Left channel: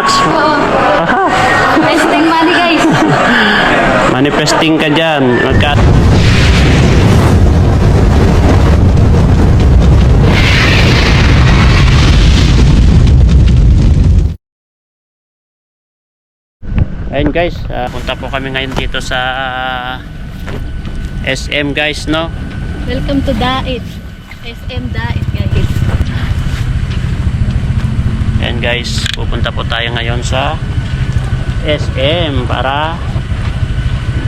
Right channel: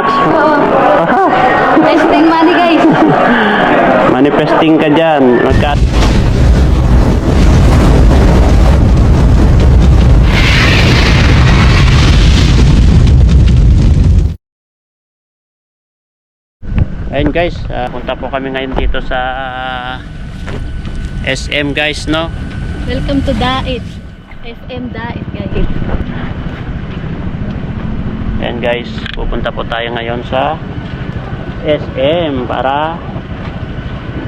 Max? Oo. Aha. Testing money guys. Manifesting ka dyan. Ayun guys, punta po kami ngayon dito sa SM guys, no? Welcome to Dait. SM Dait guys. Ayun guys, pupunta po tayo ngayon sa SM para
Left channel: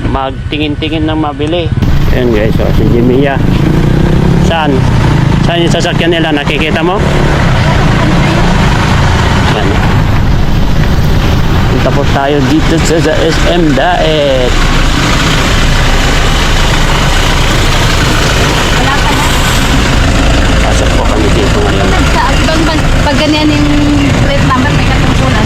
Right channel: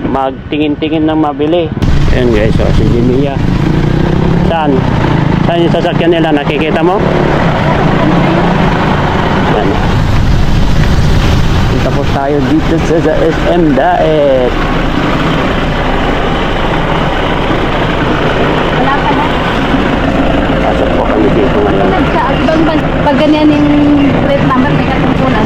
magtingin-tingin ng mabili. Ayun guys, so, si Jimia. Saan? Saan yung sasakyan nila? Nakikita mo? Yan. Tapos tayo dito sa SM Dait. Wala pa na. Pasok po kami dito ngayon. Sa ibang pag ganyan yung plate number may katungkulan.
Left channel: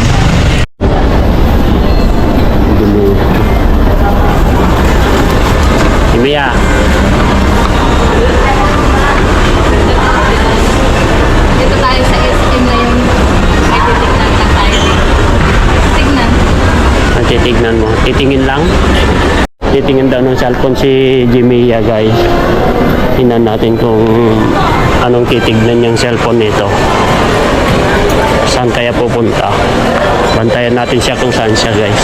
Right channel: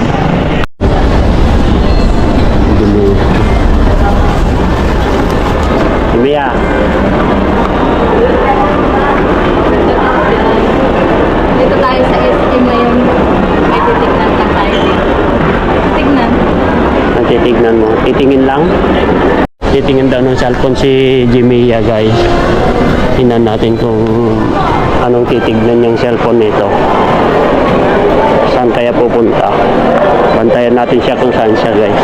Jimia. Dito tayo sa SM na yung may titignan lang tayo. Tignan. Titignan mo. Titingin lang. Titingin daw ng cellphone si Jimia guys. Tingnan natin kung anong titignan yung cellphone nito. Saan kaya pupunta? Bantayan natin siya kung saan siya guys.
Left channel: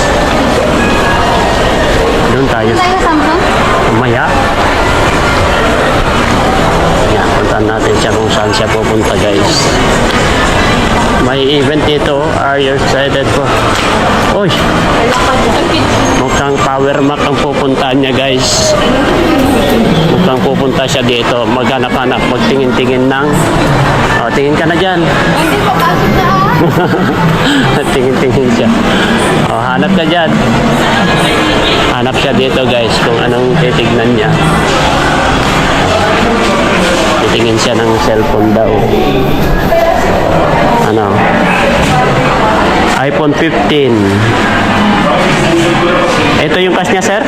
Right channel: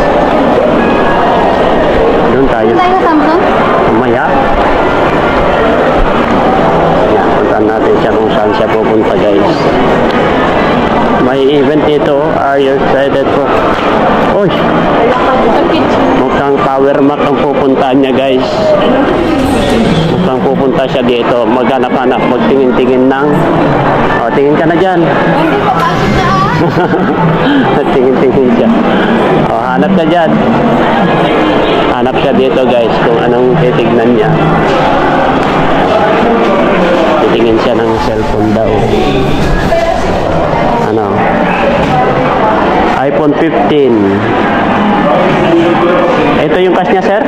Doon tayo. Saan tayo sa Samsung? Umaya. Yan, puntaan natin siya kung saan siya pupunta guys. May event dito. Are you excited for? Uy! Mukhang Power Mac ang pupuntahan niya guys. Mukhang pupunta siya dito. Maghanap-hanap, magtingin-tingin ng... O, tingin ka na dyan. Hindi pa pasok na Tingin-tingin siya. O, hanap ka dyan. Hanap siya dito guys kung anong titignan niya. Titingin siya ng cellphone daw. Ano? iPhone 15. Ito yung cash niya, sir?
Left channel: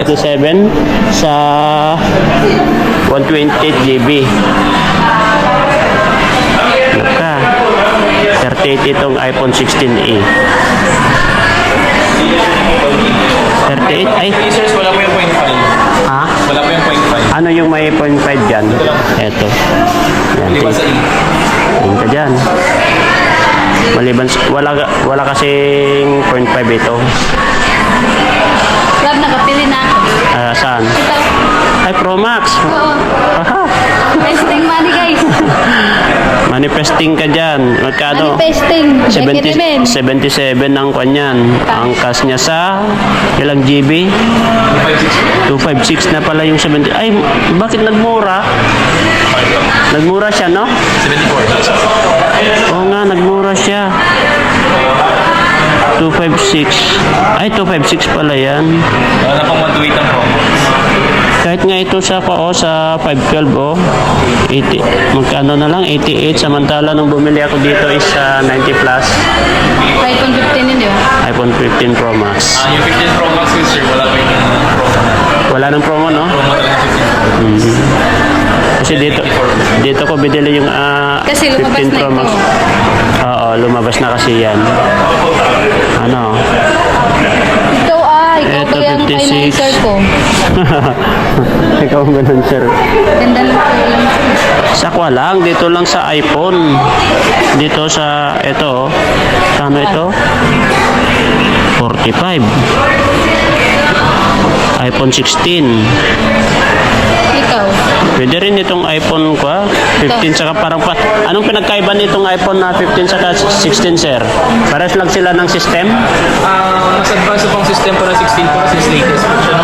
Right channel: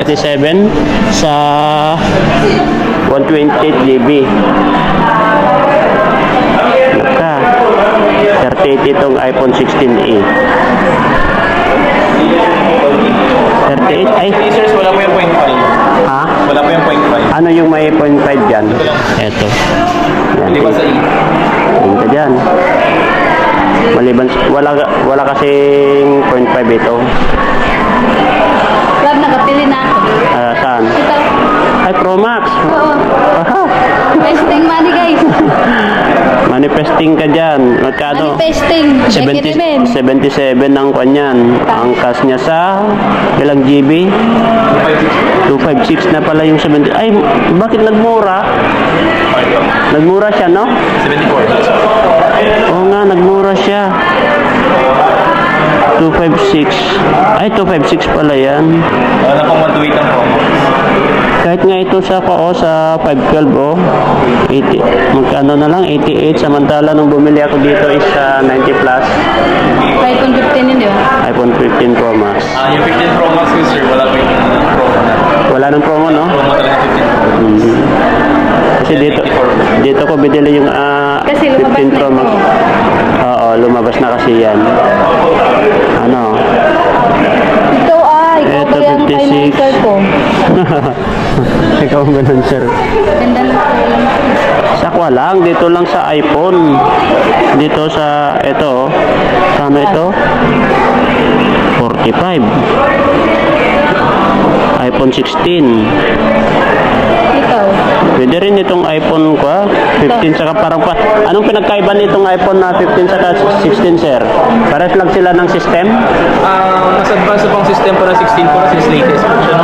37 sa 128 GB. Naka. 38 itong iPhone 16e. 38? Ay. Users, wala po yung 0.5. Ha? Wala po yung 0.5. Ano yung may 0.5 dyan? Ito. Yan. Liba sa E. Tingin ka dyan. Maliban, wala kasing 0.5 ito. Lab, nakapili na ako. Saan? Ito. Ay, Pro Max. Oo. Aha. Testing money guys. Manifesting ka dyan. Magkano? Manifesting. 77 ang kanyan. Ang cash niya sa ilang GB? 256 na pala yung 70. Ay, bakit nagmura? Nagmura siya, no? 74. Oo nga, nagmura siya. 256. Ay, 256 pala yan. Wala na pong 128 ang promo. Kahit nga ito sa sa 512 oh. 80. Magkano na lang? 88. Samantala nung bumili ako dito is 90 plus. iPhone 15 yun, di ba? iPhone 15 Pro Max. Yung 15 Pro Max user, wala po yung promo na. Wala nang promo, no? Promo talaga 15 Pro. Kasi dito ko binili yung Kasi 15 lumabas na Pro ito. Max. Oo, lumabas na kasi yan. Ano? Ito ikaw Ito, ba yan ang 56. financer ko? Ikaw ang ganun, sir. Ganda ng kulang. Sakwa lang, dito lang sa iPhone. Dito sa, ito, kano ito? 45. iPhone 16. Ikaw. Pwede rin itong iPhone ko, 15 saka parang pa. Anong pinagkaiba nitong iPhone na 15 saka 16, sir? Pares lang sila ng system? Mas advanced pang system para 16 Pro since latest version.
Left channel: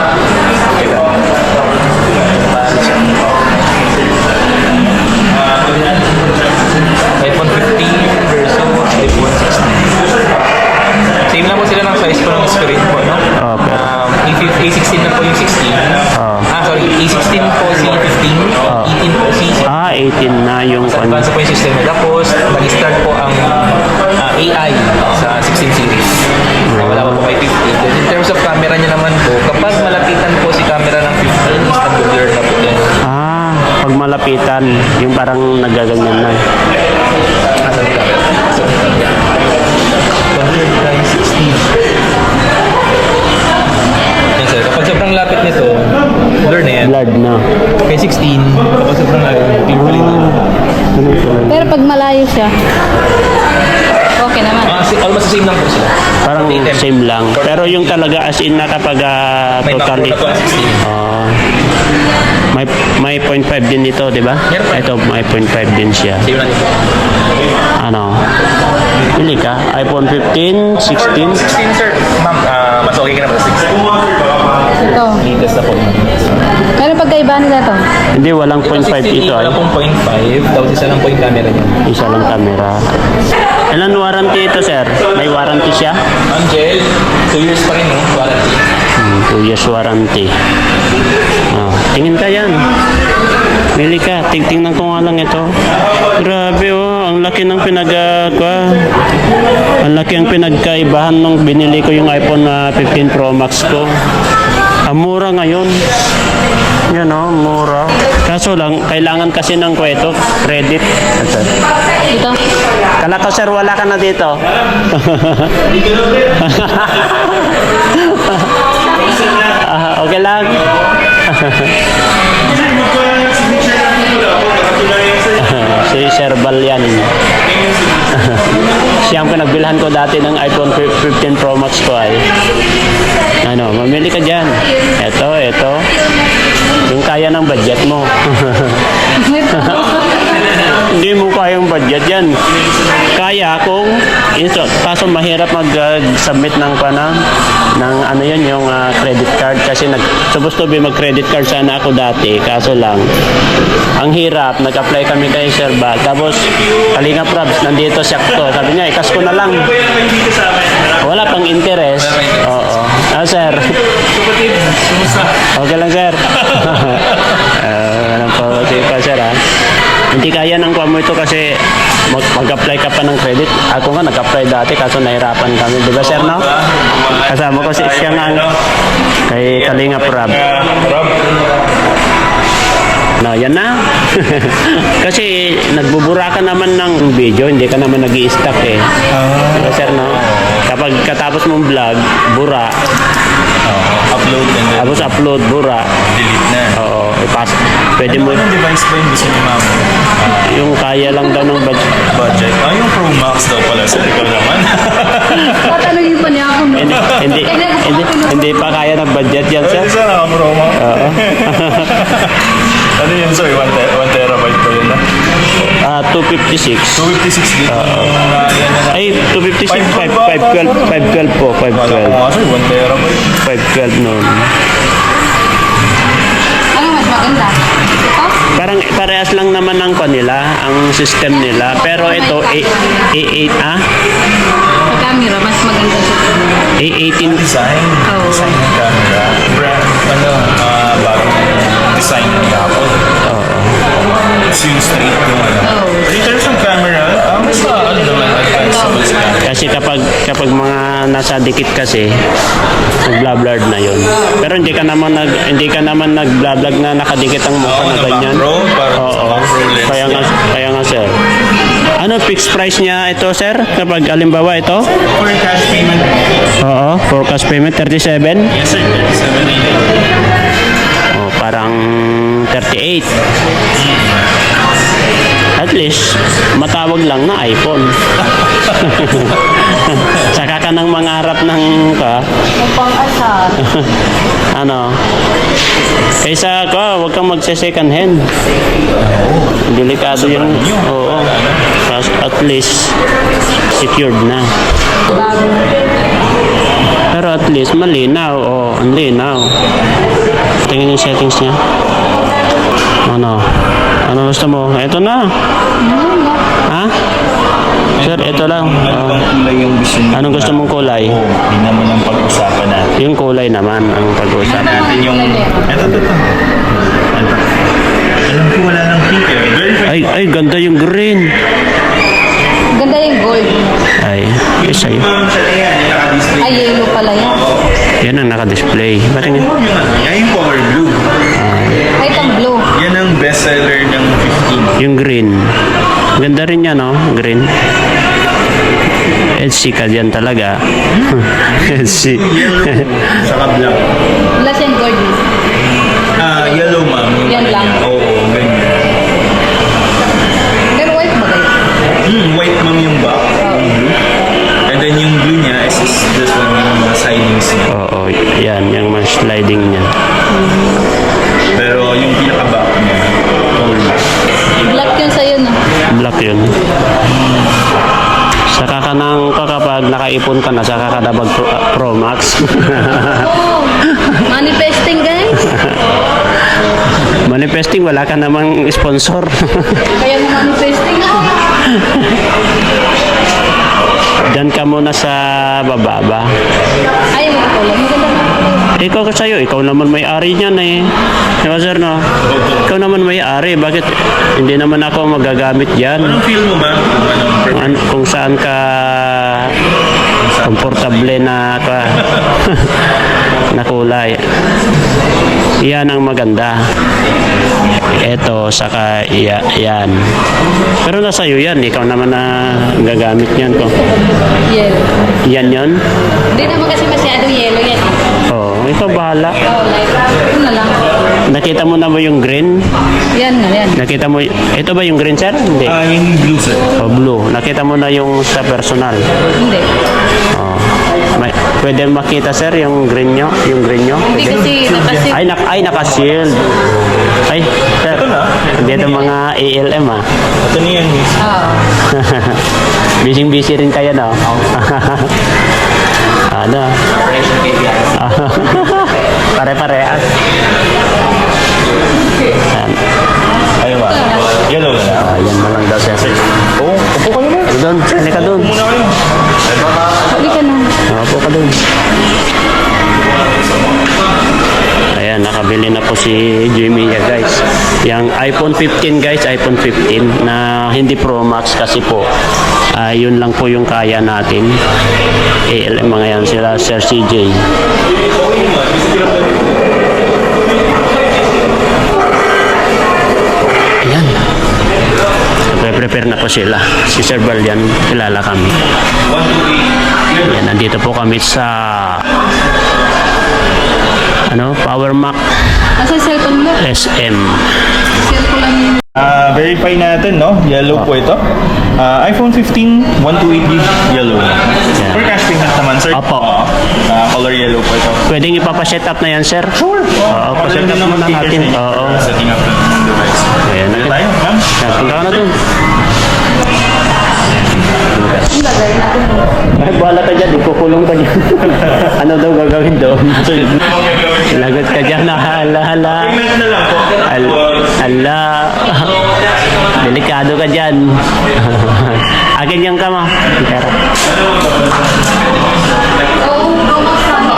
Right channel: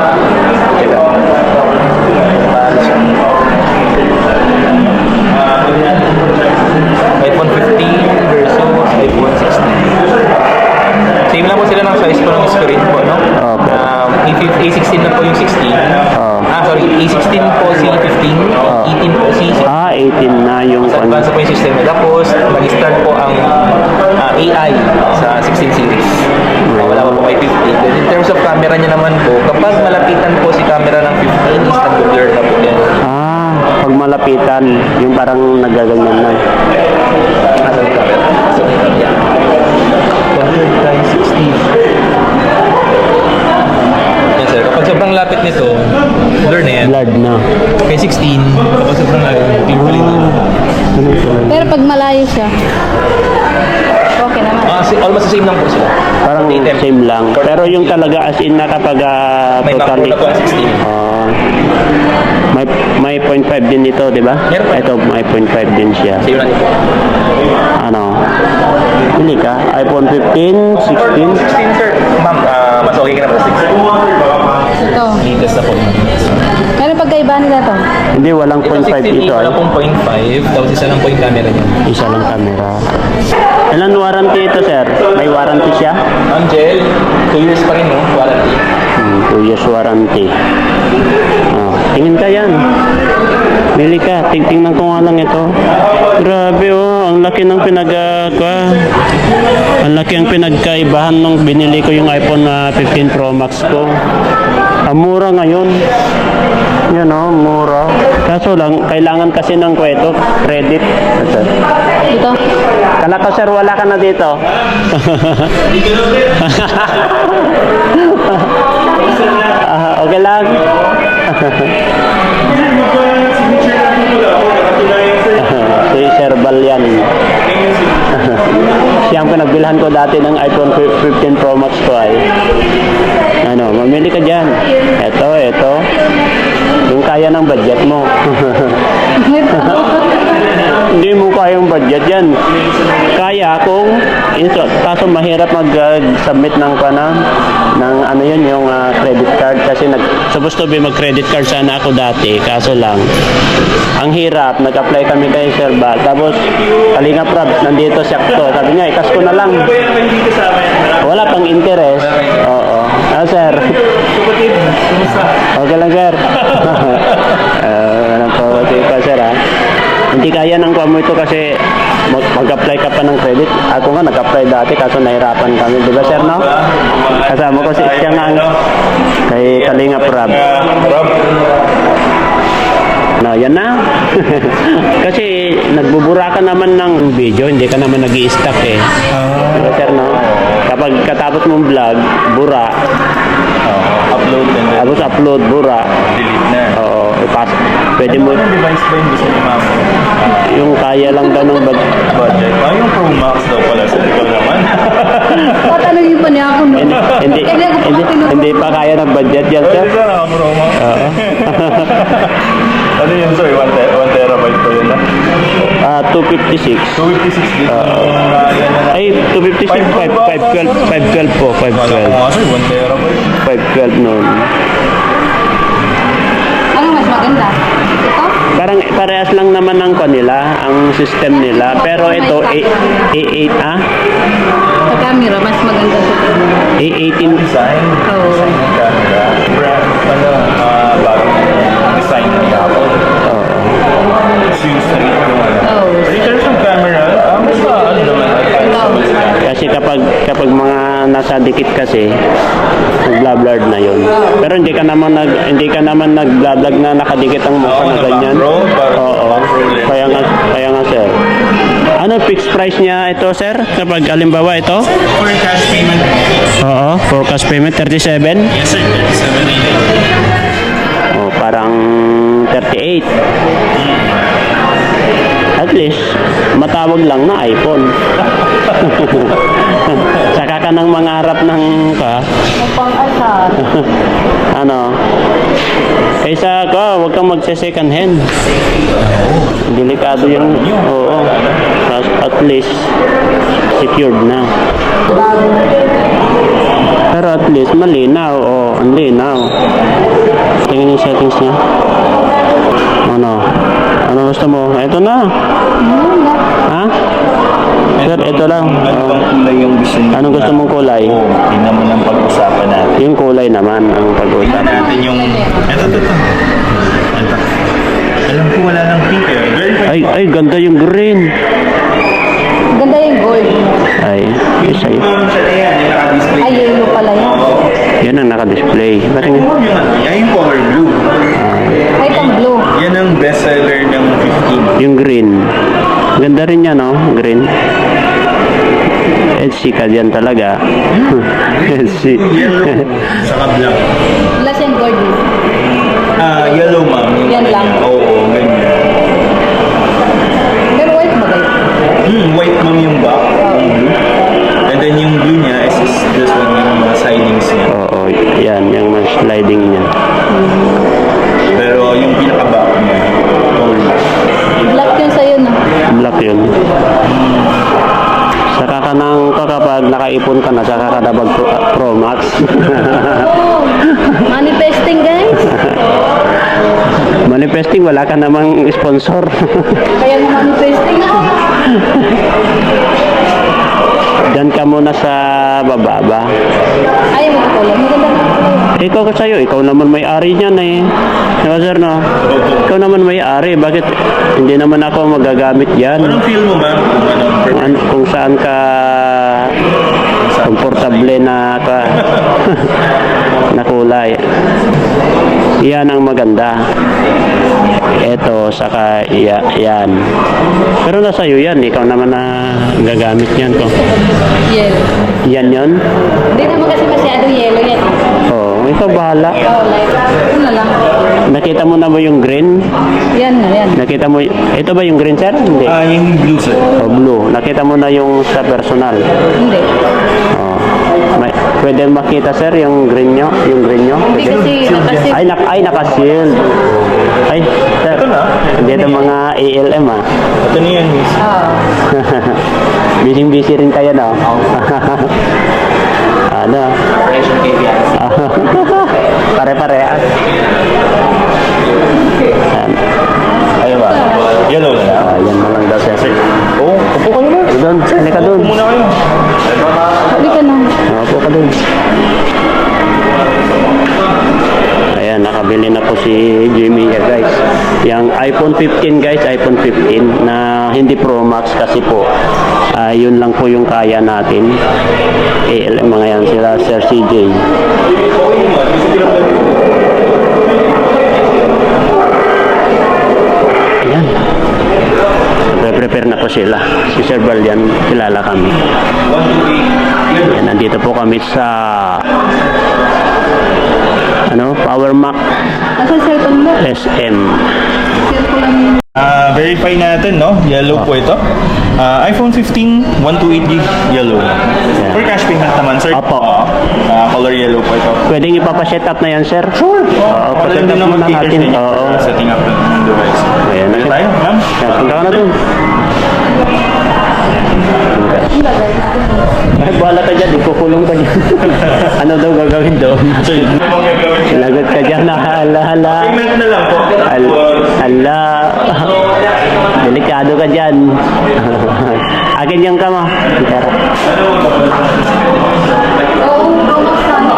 iPhone 15 versus iPhone 16. Same lang po sila ng size po ng screen po, no? Okay. A16 na po yung 16. Sorry, A16 po si 15, 18 po si 16. 18 na yung Mas advanced po yung system. Tapos, nag-start po ang AI sa 16 series. Wala pa po kay 15. Then in terms of camera niya naman po, kapag malapitan po si camera ng 15, instant blur na po yan. pag malapitan, yung parang nagaganyan na. Nasa camera. So, Pero pag malayo siya, okay naman. Almost the same lang po sila. Parang same lang. Pero yung talaga as in na kapag May totally... Macro na po ang 16. may 0.5 din ito, di ba? Meron pa. Ito, may 0.5 din siya. Same lang ito. Ano? Pili ka? iPhone 15, 16? 16 sir. Ma'am, mas okay ka na po 16. Ito. Latest na po. Pero pagkaiba nila to. Hindi, walang 0.5 ito ay. Wala pong 0.5. Tapos isa lang po yung camera niya. Isa lang camera. Ilan warranty ito, sir? May warranty siya? Angel, 2 years pa rin, no? Warranty. 2 years warranty. Oh, tingin ka yan. Bili ka. Tingnan ko nga lang ito. Grabe oh. Ang laki ng ang laki ang pinagkaibahan nung binili ko yung iPhone 15 Pro Max ko. Ang mura ngayon. Yan oh, mura. Kaso lang, kailangan kasi ng credit. Ito. Ito. Kala ko sir, wala ka na dito. Okay lang. Si Sir Bal yan. Siya ang pinagbilhan ko dati ng iPhone 15 Pro Max ko ay. Ano, mamili ka dyan. Ito. Yung kaya ng budget mo. May promo. Hindi mo kayang budget yan. Kaya kung kaso mahirap mag-submit ng ano yun, yung credit card kasi supposed to be mag-credit card sana ako dati, kaso lang ang hirap. Nag-apply kami kay Sir Ba, tapos Kalinga Prabs nandito sakto, sabi niya ikas ko na lang, wala pang interest. Oo. Sir, okay lang sir. Walang po, okay pa sir ha. Hindi kaya ng kuha mo ito kasi mag-apply ka pa ng credit. Ako nga nag-apply dati kaso nahirapan kami. Di ba sir, no? Kasama ko siya nga kay Kalinga Prab. No, yan na. Kasi nagbubura ka naman ng video, hindi ka naman nag-i-stack eh. Di ba sir, no? Kapag katapos mong vlog, bura. Upload and then Tapos upload, bura. delete na. Oo, ipas. Pwede mo, Anong device ba yung gusto mo ma'am? yung kaya lang daw ng budget. Budget. Yung Pro Max daw pala sa ikaw naman. Tatanungin pa niya ako, no? Hindi pa kaya ng budget yan, sir. Isa na Pro Max. Oo. Ano yun sir? 1 terabyte pa yun na? 256. 256 gig. Ay, 256, 512 po, Wala ko 512. nga sir, 1 terabyte. 512 noon. Ano mas maganda? Ito? Parang parehas lang naman ng kanila, ang system nila. Pero ito, A8, Sa camera, mas maganda siya. A18, Design. Oo. Design ng camera. Brand, bagong design ng Apple. It's yung straight to Oo. In terms of camera, basta ano naman, advisable sa camera. kasi kapag mga nasa dikit kasi, nag-blurred na yon. Pero hindi ka naman nag-vlog na nakadikit ang mukha na ganyan. Macro, parang Oo. macro lens. Kaya nga sir. Ano fixed price niya ito, sir? Kapag alimbawa ito? For cash payment. Oo, forecast payment 37. Yes sir, 37.99. Oh, parang 38. At least, matawag lang na iPhone. Saka ka nang mangarap ng Pang-asar. ano, kaysa ka, huwag kang magse-second hand. Delikado yung, oo. At least, secured na. Pero at least, malinaw. Oo, ang linaw. Tingnan yung settings niya. Ano gusto mo? Ito na. Ha? Sir, ito lang. Ano bang kulay yung gusto niyo? Anong gusto mong kulay? Oo, yun naman ang pag-usapan natin. Yung kulay naman ang pag-uusap. Natin yung... Ito. Alam ko wala nang pink eh. Very fine. Ay, ganda yung green. Ganda yung gold. Ay, isa yun. Sa tingin, yung naka-display. Ay, yellow pala yan. Yan ang naka-display. Ba't Ay, nga? huwag yung ano, yan yung color blue. Ay, itong blue. Yan ang bestseller ng 15. Yung green. Ganda rin yan, no? Green. LC ka dyan talaga. LC. Yellow, saka black. Wala siyang gold. Yellow ma'am. Yan lang. Oo, ganyan. Pero white ba kayo? yan, yung mga sliding niya. Pero yung pinaka-back niya, all Black yun sa'yo, no? Black yun. Saka ka nang kapag nakaipon ka na, saka ka na mag Pro Max. Oh, manifesting, guys. Manifesting, wala ka namang sponsor. Kaya mo manifesting ako. Diyan ka muna sa baba ba? Ayaw mo ko lang. Maganda na ako. Ikaw ko sa'yo, ikaw naman may-ari niyan eh. Diba sir, no? Ikaw naman may-ari. Bakit hindi naman ako magagamit yan? Anong feel mo, ma'am? Kung anong Kung saan ka komportable na na kulay. Yan ang maganda. Ito, saka yan. Pero nasa iyo yan. Ikaw naman na gagamit yan ko. Yellow. Yan yun? Hindi naman kasi masyado yellow yan. Oo, ikaw bahala. Oh, light. Yun na lang. Nakita mo na ba yung green? Yan na, yan. Nakita mo, ito ba yung green sir? Hindi. yung blue, sir. O blue. Nakita mo na yung sa personal. Hindi. Oh. Pwede makita sir yung green nyo? Yung green nyo? Hindi kasi nakasit. Ay, naka-shield. Ay, sir. Ito na. Hindi ito mga ALM ah. Ito na yan, miss. Oo. Busy rin kayo no? Ano? Operation KPI. Pare-parehas. Yan. Ayun ba? Yellow na lang. Yan na lang daw sir. Oo, upo ka naman. Doon, sali ka doon. Muna kayo. Hindi ka na. Upo ka doon. Ayan, nakabili na po si Jimmy guys. Yung iPhone 15 guys, iPhone 15 na hindi Pro Max kasi po yun lang po yung kaya natin. Mga yan sila Sir CJ. Ayan. Prepare na po sila. Si Sir Balyan, kilala kami. Ayan, nandito po kami sa Power Mac Nasa cellphone mo. SM. Cellphone lang yun. Verify natin, no? Yellow po ito. iPhone 15, 128GB yellow. For cash payment naman, sir. Opo. Color yellow po ito. Pwedeng ipapaset up na yan, sir? Sure. Oo, paset up muna natin. Oo. Setting up ng device. Ayan. Dito tayo, ma'am. Yan, punta ka na dun. Ay, bahala ka dyan. Ikukulong ka dyan. Ano daw gagawin doon? Sir, Lagot ka dyan. Hala. payment na lang po. Hala. Delikado ka dyan. Akin yung kama. Oo, promote sana.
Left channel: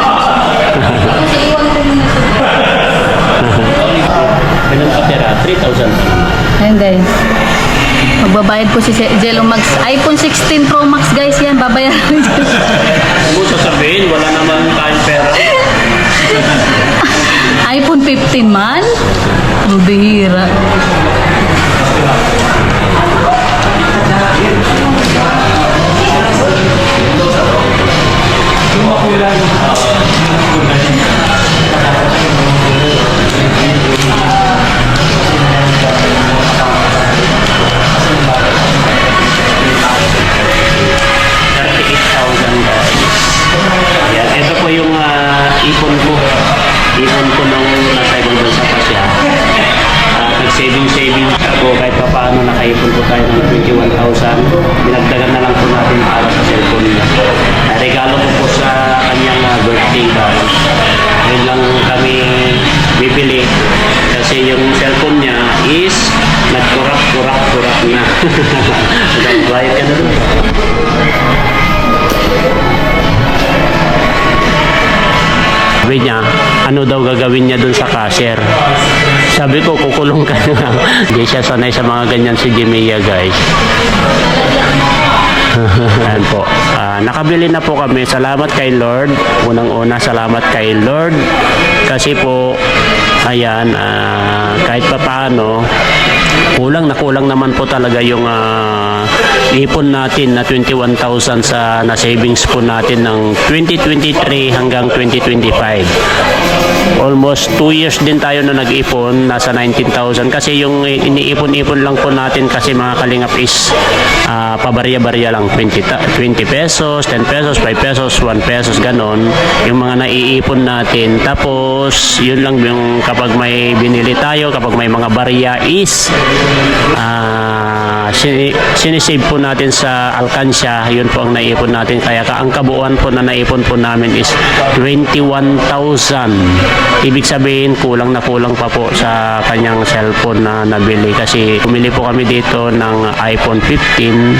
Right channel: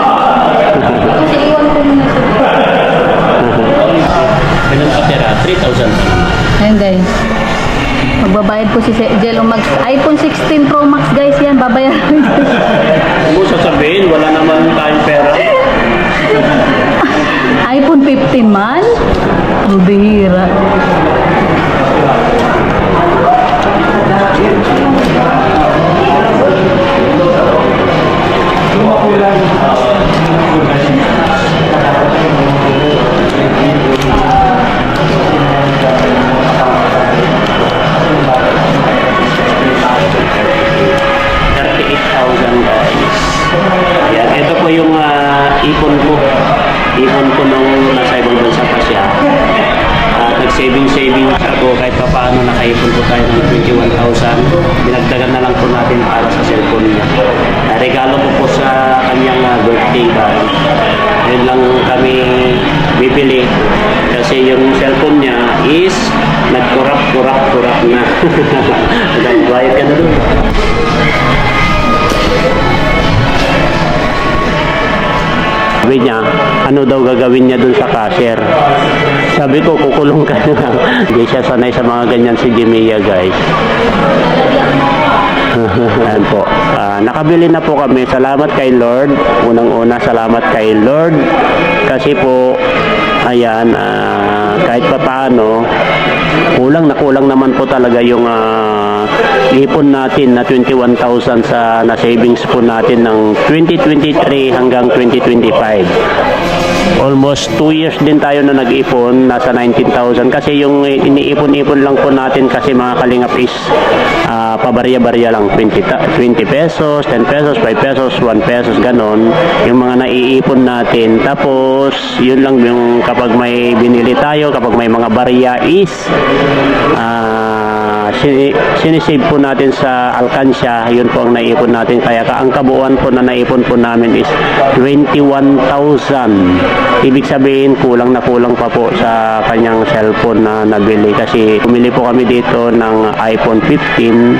Kasi iwan ko muna sa Ganun ka pera? 3,000. Ayan guys. Magbabayad po si Jello Max. iPhone 16 Pro Max guys yan. Babayaran dyan. Huwag mo sasabihin, wala naman tayong pera. iPhone 15 man? Ang bihira. Ayan, ito po yung ipon ko. Ipon ko nung nasa ibang bansa pa siya. Nag-saving ako kahit pa paano nakaipon po tayo ng 21,000. Dinagdagan na lang po natin para sa cellphone niya. Regalo ko po sa kanyang birthday card. Ngayon lang kami bibili kasi yung cellphone niya is nagkurap na. Nag-quiet ka na doon. Sabi niya, ano daw gagawin niya dun sa cashier? Sabi ko, kukulong ka na. Hindi siya sanay sa mga ganyan si Jimia, guys. Ayan po. Nakabili na po kami. Salamat kay Lord. Unang-una, salamat kay Lord. Kasi po, ayan, kahit pa paano, kulang naman po talaga yung ipon natin na 21,000 sa na savings po natin ng 2023 hanggang 2025. Almost 2 years din tayo na nag-ipon, nasa 19,000 kasi yung iniipon-ipon lang po natin kasi mga kalingap is pabarya-barya lang 20 pesos, 10 pesos, 5 pesos, 1 pesos ganon yung mga naiipon natin. Tapos yun lang yung kapag may binili tayo, kapag may mga barya is sinisave po natin sa alkansya, yun po ang naipon natin. Kaya ang kabuuan po na naipon po namin is 21,000. Ibig sabihin kulang na kulang pa po sa kanyang cellphone na nabili kasi pumili po kami dito ng iPhone 15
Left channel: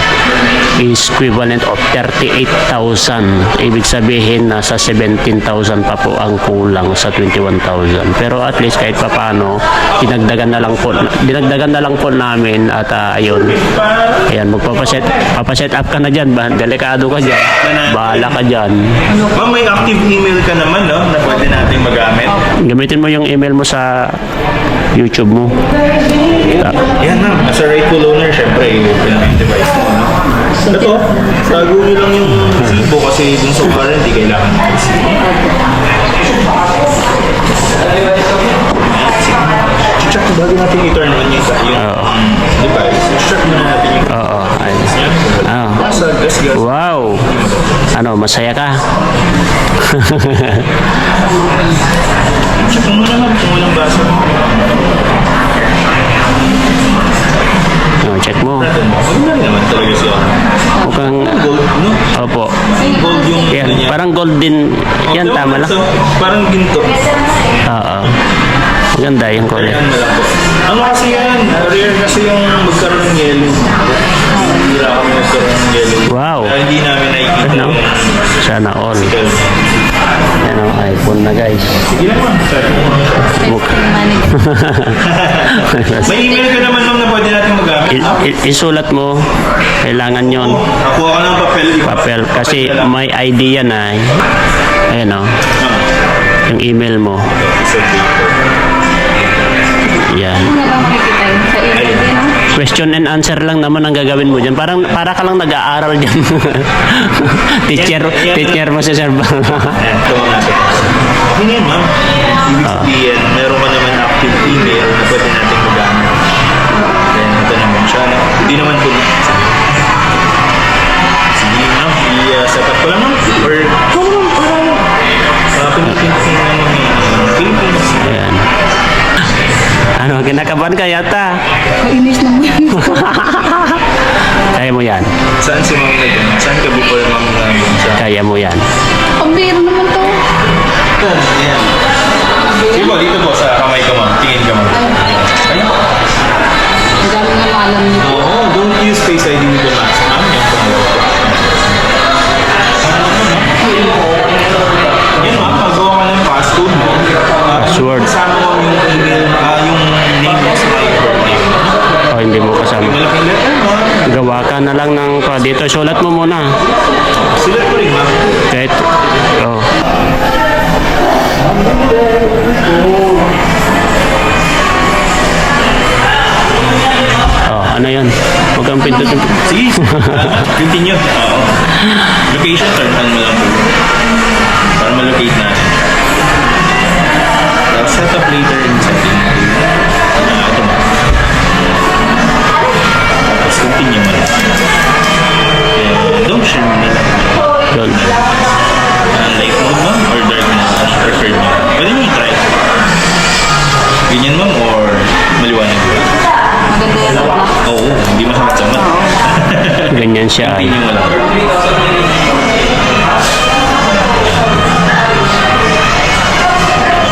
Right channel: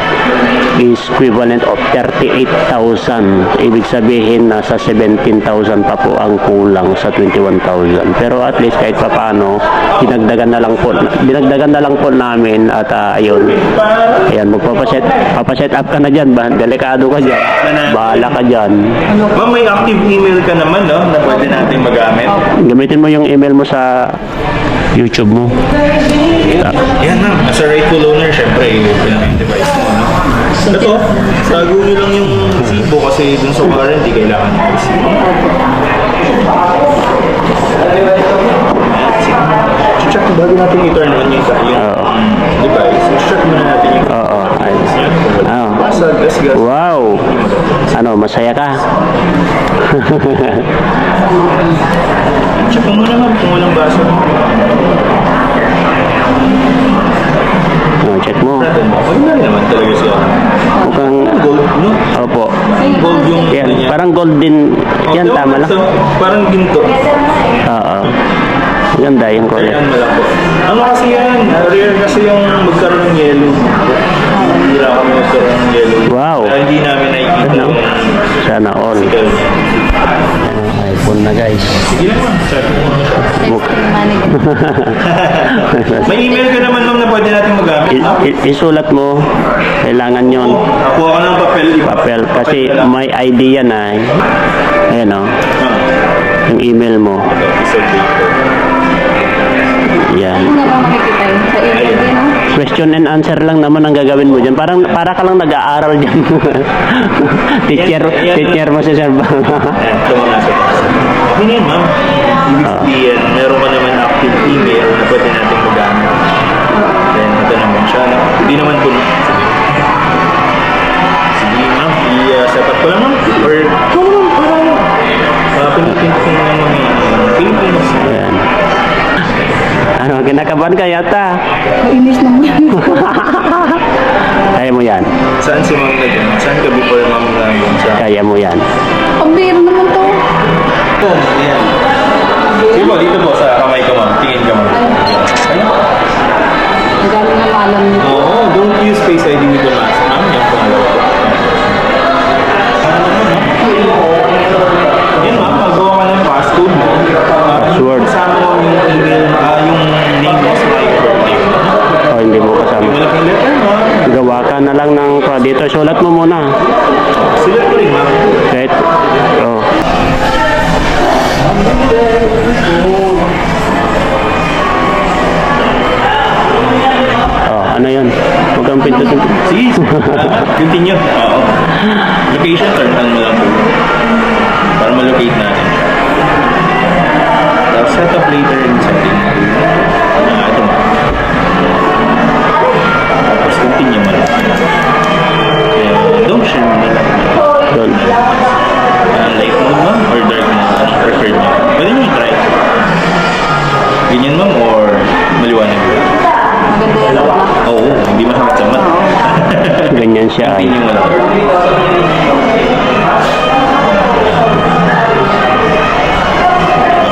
is equivalent of 38,000. Ibig sabihin nasa 17,000 pa po ang kulang sa 21,000. Pero at least kahit papaano dinagdagan na lang po namin at ayun. Ayan, papaset up ka na dyan. Delikado ka dyan. Bahala ka dyan. Ma'am, may active email ka naman, no? Na pwede natin magamit. Gamitin mo yung email mo sa YouTube mo. Yan ma'am. As a rightful owner, syempre, i-open mo yung device mo, no? Ito, tago nyo lang yung resibo kasi dun sa warranty, kailangan ng resibo. Check ko bago natin i-turn on yung device. Check muna natin yung let's go. Wow! Ano, masaya ka? Check mo muna ma'am kung walang basa. Check mo. Maganda naman talaga siya. Mukhang Gold, no? opo. Gold yung Yan, niya. parang gold din. Yan, tama lang. Parang ginto. Oo. Maganda yung kulay. Ayan mo lang po. Ano kasi yan? Rare kasi yung magkaroon ng yellow. Hira kami magkaroon ng yellow. Wow. Kaya hindi namin nakikita Ano? yung Sana all. physical. Yan ang iPhone na guys. Sige lang ma'am. Sorry. Texting money. May email ka naman ma'am na pwede natin magamit. No? Isulat mo. Kailangan yon Nakuha ka ng papel. papel. Kasi may ID yan ay. Ayan o. Yung email mo. Yan. Ano ba makikita yun? Sa email din, no? Question and answer lang naman ang gagawin mo dyan. Para ka lang nag-aaral dyan. teacher mo si Sir Bang. Ayan, ito mga nasa taas. Okay na yun, ma'am. Ibig sabihin, meron ka naman active email na pwede natin magamit. Then, ito naman siya. No? Hindi naman po. Sige, ma'am. I-setup ko lang, ma'am. Or, ito naman, para pinipintin ko naman yung Philippines. Ayan. Ano, kinakabahan ka yata. Mainis naman. Kaya mo yan. Saan si ma'am na Saan ka before ma'am namin sa... Kaya mo yan. Ang biro naman to. Ayan. Sige po, dito po sa kamay ko, ma'am. Tingin ka, ma'am. Ayan. Ang dami nga maalam nito. Oo, don't use Face ID with the mask, ma'am. Yung pangalawa po. Yan, ma'am. Pagawa ka ng passcode mo. Password. Kasama mo yung email, yung name mo sa my birthday. O, hindi mo Yung kasama. malaking letter, ma'am. Gawa ka na lang ng dito. Sulat mo muna. Silat ko rin, ma'am. Kahit, oh. Oh, ano yun? Huwag kang pindutin. Sige. Continue. Oo. Location, turn on mo lang po. Para ma-locate natin. Tapos set up later in setting. Ito mo. Tapos continue mo lang. And don't share mo na lang. Doon. Light mode ma'am or dark mode? Preferred mo. Pwede nyo i-try. Ganyan ma'am or maliwanag ba? Maganda yan ang black. Oo, hindi masakit sa mata. Ganyan siya ay. Continue mo lang.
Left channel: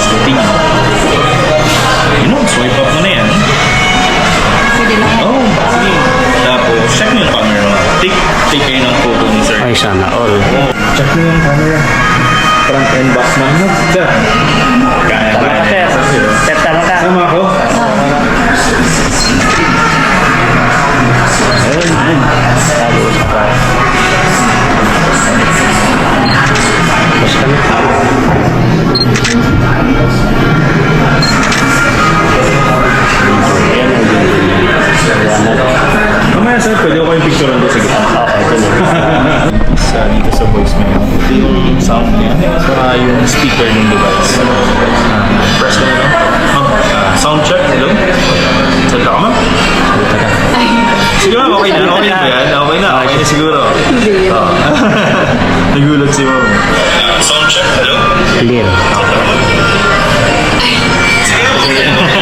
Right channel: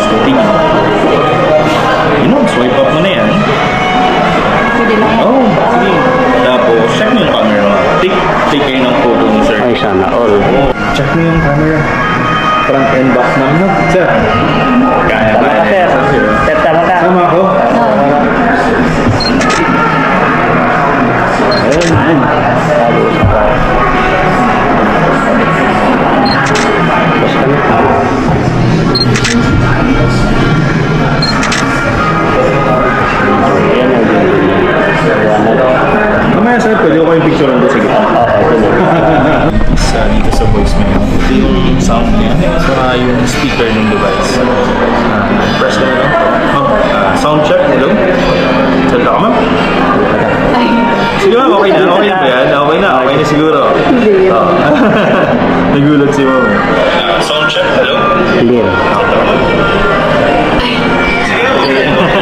Continue. Yun o, swipe up mo na yan. Pwede lang yan. Oh, sige. Tapos, check mo yung camera mo. Take kayo ng photo ni sir. Ay, sana all. Check mo yung camera. Front and back man mo. Sir. Kaya Tama ka, sir. Sir, tama ka. Tama ako. Ayun. Sabi ko pa. Tapos ka na. Ayan, Mamaya sir, pwede ko kayong picture nito. Sige. dito sa voicemail. Ito yung sound niya, saka yung speaker ng device. Press ko na lang. Ma'am, sound check, hello? Salita ka, ma'am? Sige ma'am, okay na. Okay na ba yan? Okay na siguro. Oo. Nagulat si ma'am. Sound check, hello? Clear.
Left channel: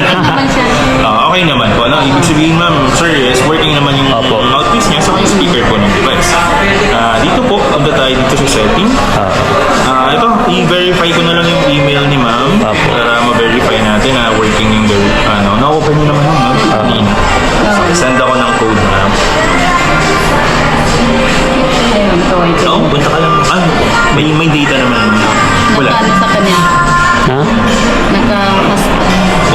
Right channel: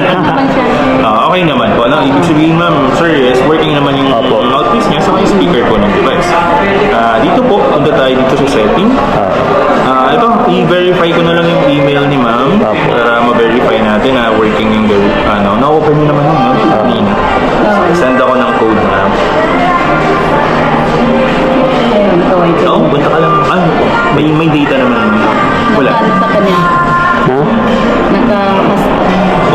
Naman siya. Okay naman po. Ano, ibig sabihin ma'am, sir, is working naman yung mouthpiece niya sa yung speaker po ng device. Dito po, punta tayo dito sa setting. Ito, i-verify ko na lang yung email ni ma'am para ma-verify natin na working yung na-open niyo naman ma'am, no? Kanina. Send ako ng code ma'am. Ayun, kaway ko. Oo, punta ka lang. May data naman ma'am. Wala. Ano sa kanya? Ha?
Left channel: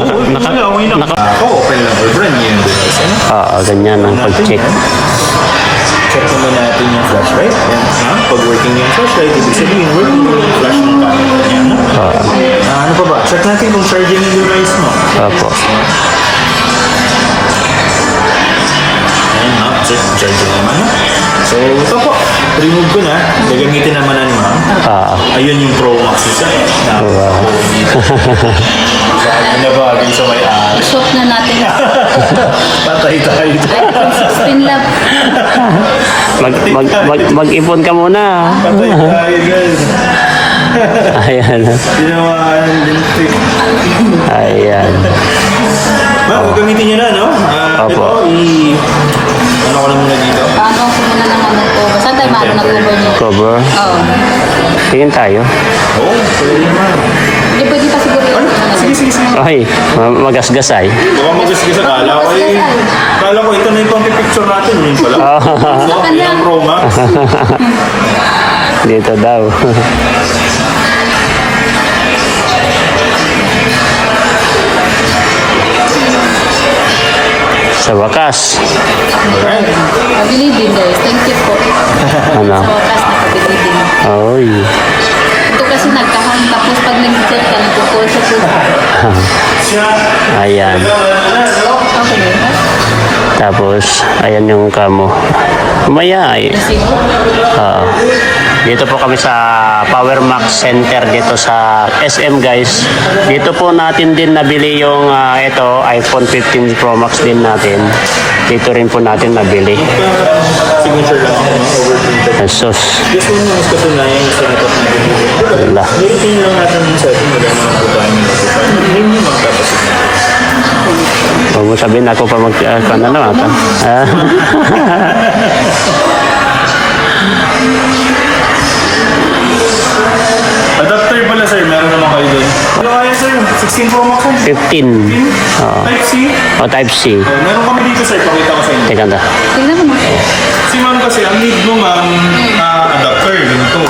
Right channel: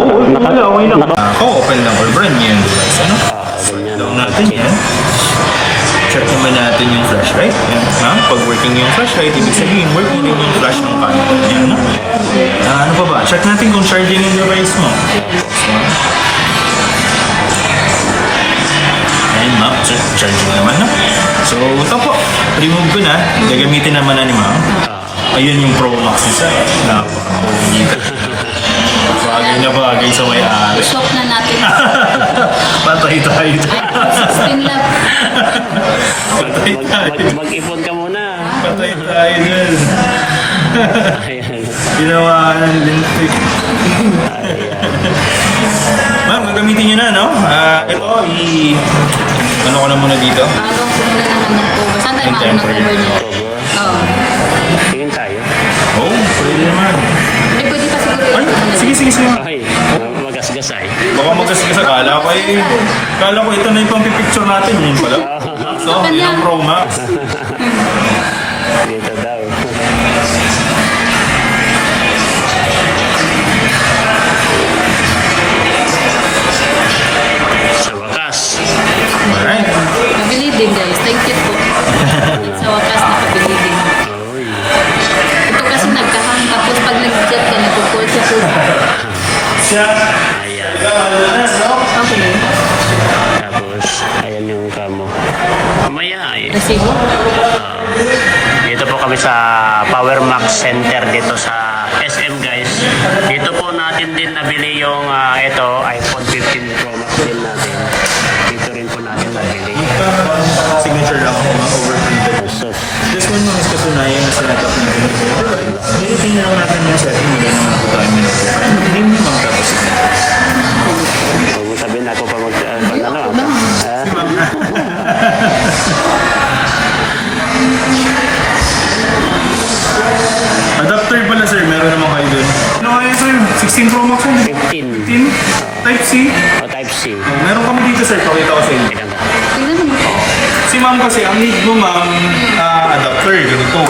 Oo, wala. Okay lang. Ako, open lang or brand new yung device. Ano? Ganyan ang Natin pag-check. yan. Check naman natin yung flashlight. Yan. Pag working yung flashlight, ibig sabihin working yung flash ng camera. Yan, no? Ano pa ba? Check natin kung charging yung device mo. Ayan, ma'am. Charging naman, no? So, ito po. Remove ko na. Gagamitin naman na ni ma'am. Ayun yung Pro Max isa. Bagay na bagay sa may-ari. Shop na natin. Patay tayo. Spin lab. Mag-ipon ka muna. Patay tayo dyan. Ayan. Ginawa ng lintik. Ayan. Ma'am, gagamitin nyo na, no? Ito, ano ko na muna dito? Hanggang kumuna naman ng cover. Saan tayo maano ng cover niya? Cover. Oo. Tingin tayo. Oo, pwede naman. Hindi pwede pa siguro yung Sige. Okay. Magasgasay. Baka magasgas akala ko Kala ko ito na yung pang-picture natin. Yun pala. So, yun ang Pro Max. Dito daw. Sa wakas. Alright. Pabili din guys. Thank you po. Ano? Sa wakas na pabili din. Oy. Ito kasi nagkahang tapos pag nag-set ka, nagpo-call sa puso. Ayan. Okay na yun. Tapos, ayan yung kamo. Mamaya ay. Kasi Dito po kami sa Power Max Center dito sa SM guys. Dito po natin din nabili yung ito iPhone 15 Pro Max din natin. Dito rin po natin nabili. Signature lang ako ng overprinted. Sus. This one is katunayan yung setup na ganito. Diba? Wala. Nilitin lang natin yung setting. Wala naman po tayo notify. Nag-name nyo mang tapos Huwag mo sabihin ako pa mag... Adapter pala sir, meron naman kayo doon. Ano kaya sir? 16 Pro Max 15. Type-C? O Type-C. Meron kami dito sir, pakita ko sa inyo. Teka na. tingnan mo. Si ma'am kasi, ang need mo ma'am, adapter, ganito.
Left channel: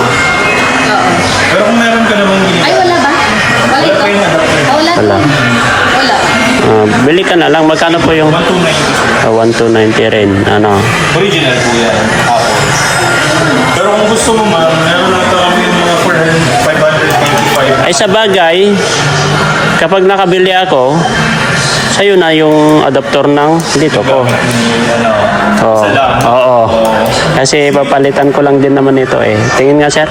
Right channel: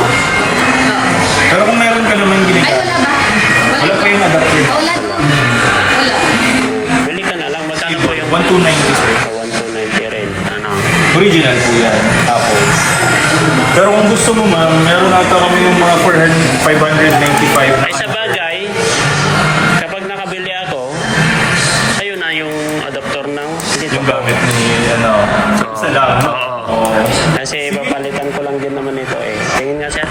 Pero kung meron ka naman Ay, ginagawa, wala ba? wala kayong adapter. Wala. Wala. Bili ka na lang. Magkano po yung 1290 sir. 1290 rin? Ano? Original po yan, Apple. Pero kung gusto mo ma'am, meron nata kami yung mga 595. Ay sa bagay, kapag nakabili ako, sa'yo na yung adapter ng dito ko. Gamit ni, Oo. Salam. Oo. Kasi papalitan ko lang din naman ito eh. Tingin nga sir.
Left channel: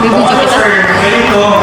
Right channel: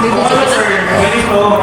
Bibigyan Ito sir, ganito.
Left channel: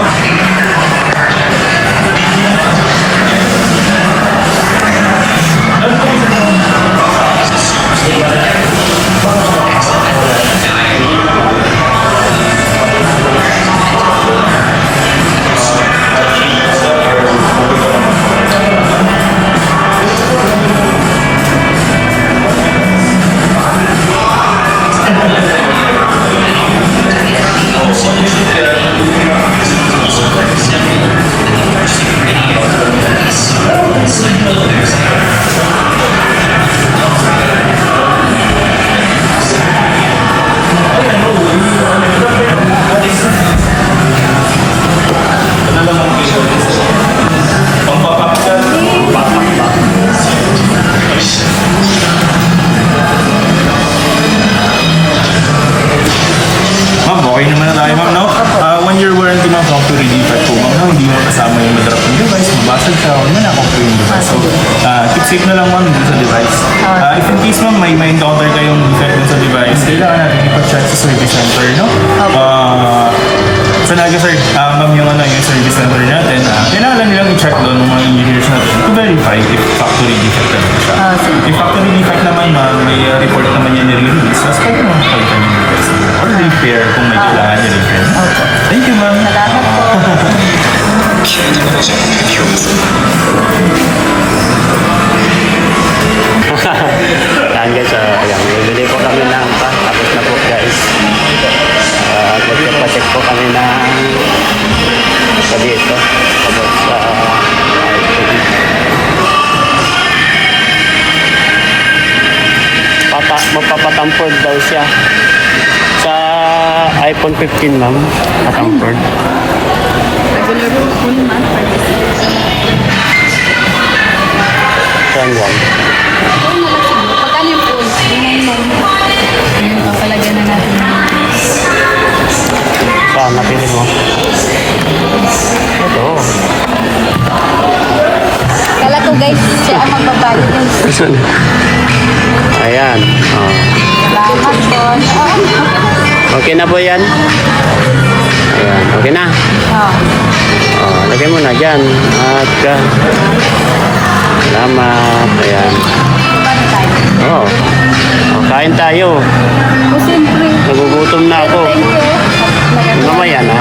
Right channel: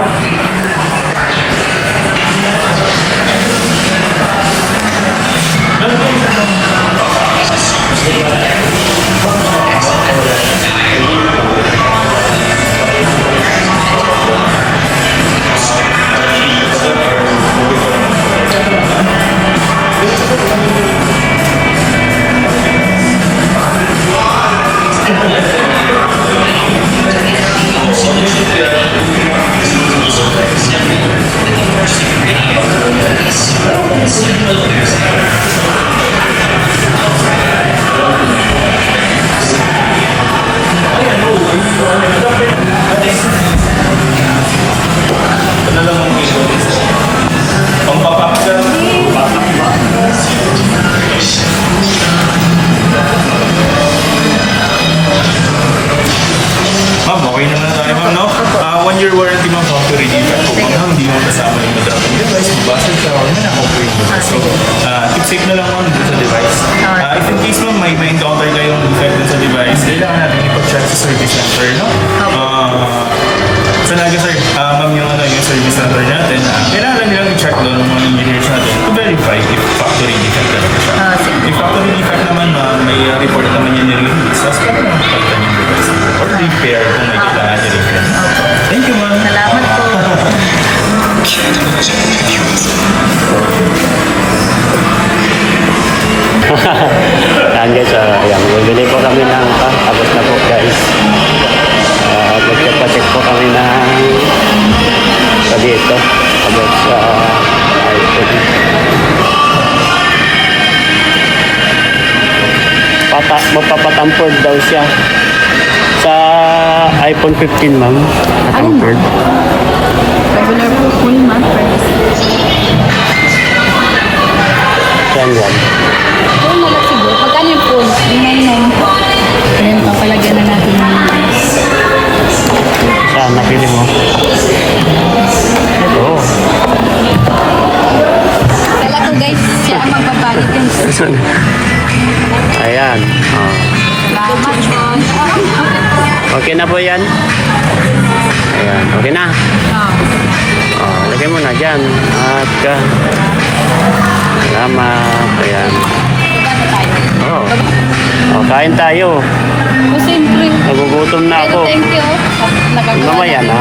Ma'am, okay naman na tayo ma'am, no? 1 year warranty ma'am, not to redeem at po. Ma'am, hindi mo kasama yung madrap ng device, magbasa siya, wala na ako po yung madrap. So, tips lang pa. Tapos na po guys. Magpapacheck po kami ng sa dito. Tapos iPhone. Magpapatampered daw siya. Sa iPhone 15 ma'am. Patampered. Saan yan? Oo, nagsiguro. Pagkano yung phone? Ayan, papalagyan na natin yung Saan napili mo? Ito. Kala ko guys, siya ang magbabayad yung Ayan. Oh. salamat po. Okay na po yan? Ayan. Okay na? Oh, lagay mo na dyan. At salamat. Ayan. Pagkano tayo? Oh. Oh, kain tayo. O siyempre. Nagugutom na Pero ako. thank you. Nagagawa Mamaya na.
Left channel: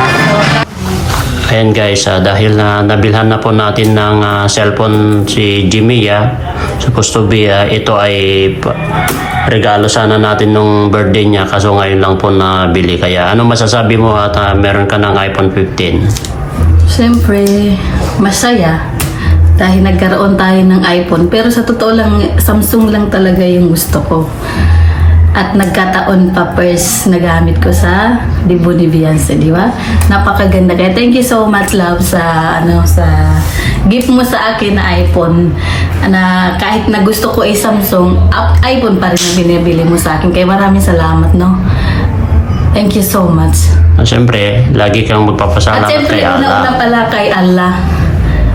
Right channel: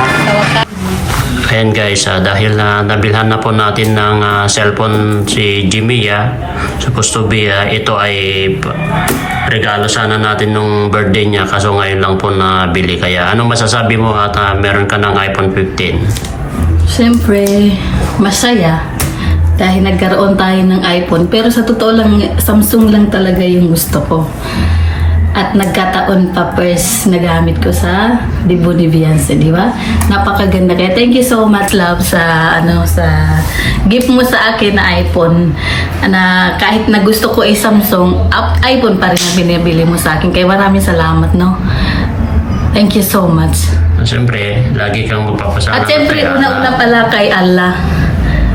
Ayan guys, dahil nabilhan na po natin ng cellphone si Jimmy, supposed to be ito ay regalo sana natin nung birthday niya, kaso ngayon lang po nabili. Kaya ano masasabi mo at meron ka ng iPhone 15? Siyempre, masaya dahil nagkaroon tayo ng iPhone. Pero sa totoo lang, Samsung lang talaga yung gusto ko. At nagkataon pa first nagamit ko sa Debo ni Beyonce, di ba? Napakaganda. Kaya thank you so much, love, sa sa gift mo sa akin na iPhone. Na kahit na gusto ko ay Samsung, iPhone pa rin ang binibili mo sa akin. Kaya maraming salamat, no? Thank you so much. Siyempre, lagi kang magpapasalamat At siyempre, kay Allah. una-una pala kay Allah.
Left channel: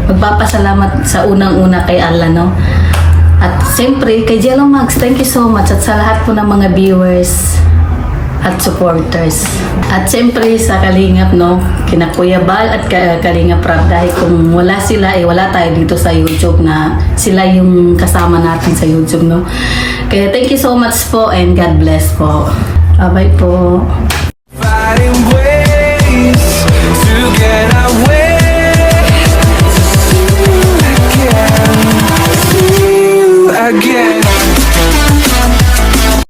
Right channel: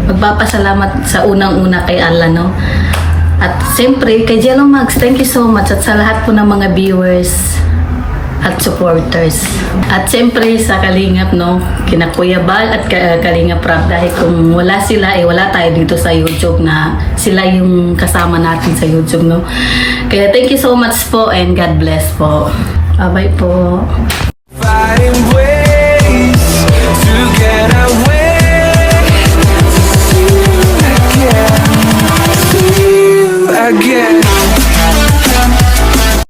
Magpapasalamat sa unang-una kay Allah, no? At siyempre, kay Jello Max, thank you so much. At sa lahat po ng mga viewers at supporters. At siyempre, sa Kalingap, no? Kina Kuya Bal at Kalingap Rap. Dahil kung wala sila, wala tayo dito sa YouTube na sila yung kasama natin sa YouTube, no? Kaya thank you so much po and God bless po. Bye-bye po. Fighting ways to get away, to see you again, see you again.